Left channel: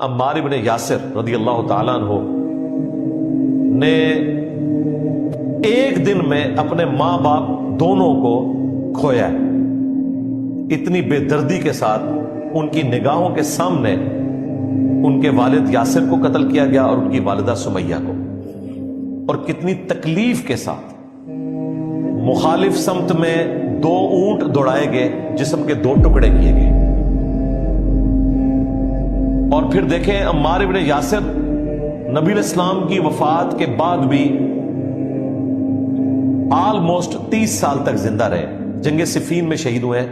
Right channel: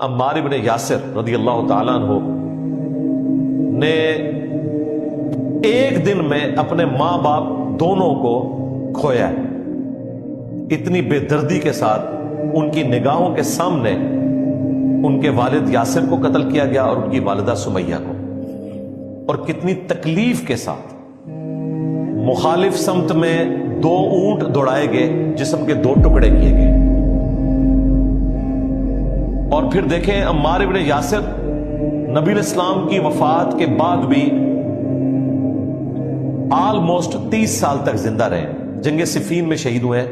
عمار ابن یاسر رضی اللہ تعالیٰ عنہ نے ایک دن میں اپنے ماں باپ دونوں کو کھویا ہے. اتنی بے دردی کے ساتھ ان کی نگاہوں کے سامنے ان کے والد یاسر کو قتل کیا گیا اور ان کی والدہ سمیہ کو. اور کتنی تکلیف کے ساتھ مخالف سمت میں 2 اونٹ دوڑائے گئے، جسم کے 2 ٹکڑے کیے گئے. اور پھر دیکھیں عمار ابن یاسر نبی علیہ السلام کی وفات کے بعد بھی آلموسٹ 30 سال تک زندہ رہے. جنگ صفین میں شہید ہوئے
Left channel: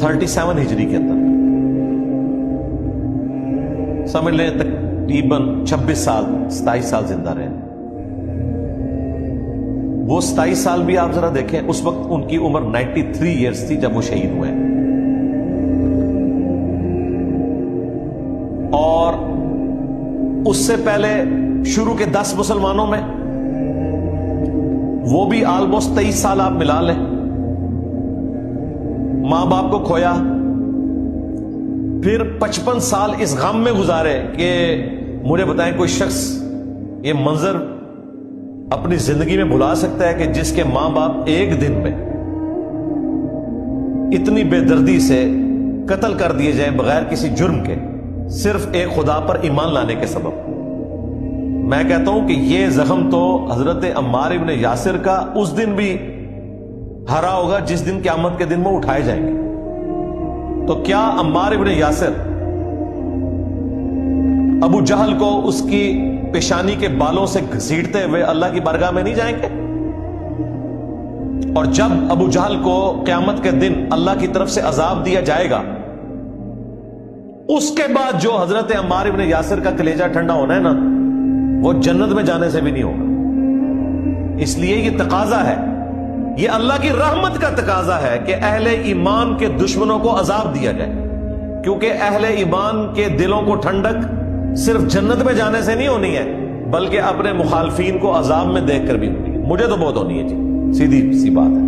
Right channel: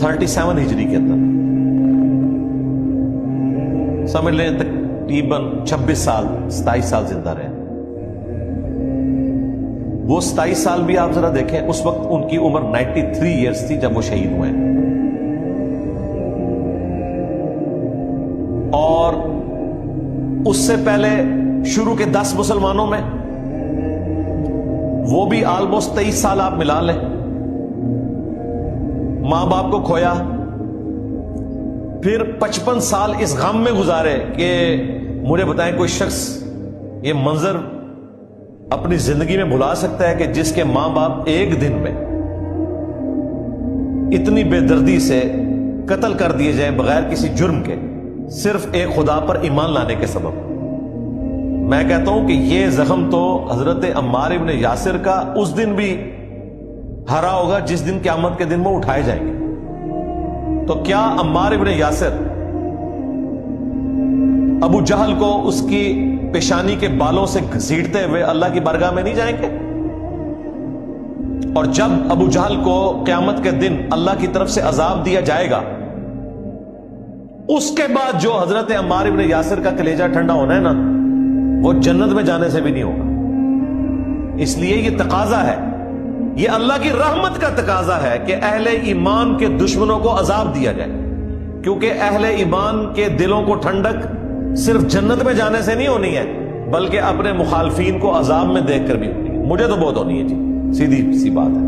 37 ہجری کے اندر، سمجھ لیں تقریباً 26 سال 27 سال زندہ رہے. وہ 27 سال بھی آپ ذرا دیکھیں، اس وقت ان کی عمر 93 ایئرز تھی جب وہ شہید ہوئے. اور اس سے پہلے شروع کے 10 مسلمانوں میں وہ بھی آلموسٹ 23 سال آپ ملا لیں. ماں باپ کو کھویا، پھر 55 سال اس غم میں گزارے کہ مجھے بتائیں کوئی شخص یہ منظر اپنی زندگی میں بھلا سکتا ہے کہ جس کے ماں باپ ایک دن میں اتنی بے دردی سے قتل کر دیے جائیں بغیر کسی جرم کے، صرف ایک خدا پر ایمان لانے کے سبب. میں کہتا ہوں کہ یہ زخم تو حضرت عمار ابن یاسر کا اس دن بھی ہرا ہوگا جس دن قیامت کے دن وہ اٹھائے جائیں گے. تو کیا عمار ابن یاسر ابو جہل کو اس کی پیشانی کے بالوں سے گھسیٹتے ہوئے اللہ کی بارگاہ میں نہیں جائیں گے؟ اور جب ابو جہل کو قیامت کے دن اللہ کی طرف سے عذاب دیا جائے گا، اس کے بعد جو حضرت عمار ابن یاسر کا کلیجہ ٹھنڈا ہونا ہے نا، وہ جنت میں جانے سے بھی نہیں ہوگا. اس لیے یہ تقاضا ہے، یہ اللہ کی رحمت کا تقاضا ہے کہ اہل ایمان کے دشمنوں کو عذاب دیا جائے، کیونکہ اہل ایمان کے دلوں کو ٹھنڈک صرف جنت میں جانے سے نہیں ہونی ہے، بلکہ اپنے مخالفین کو عذاب میں دیکھ کر بھی ہونی ہے. مجھے تو بہت ہونی ہے جی، سیدھی سی بات ہے.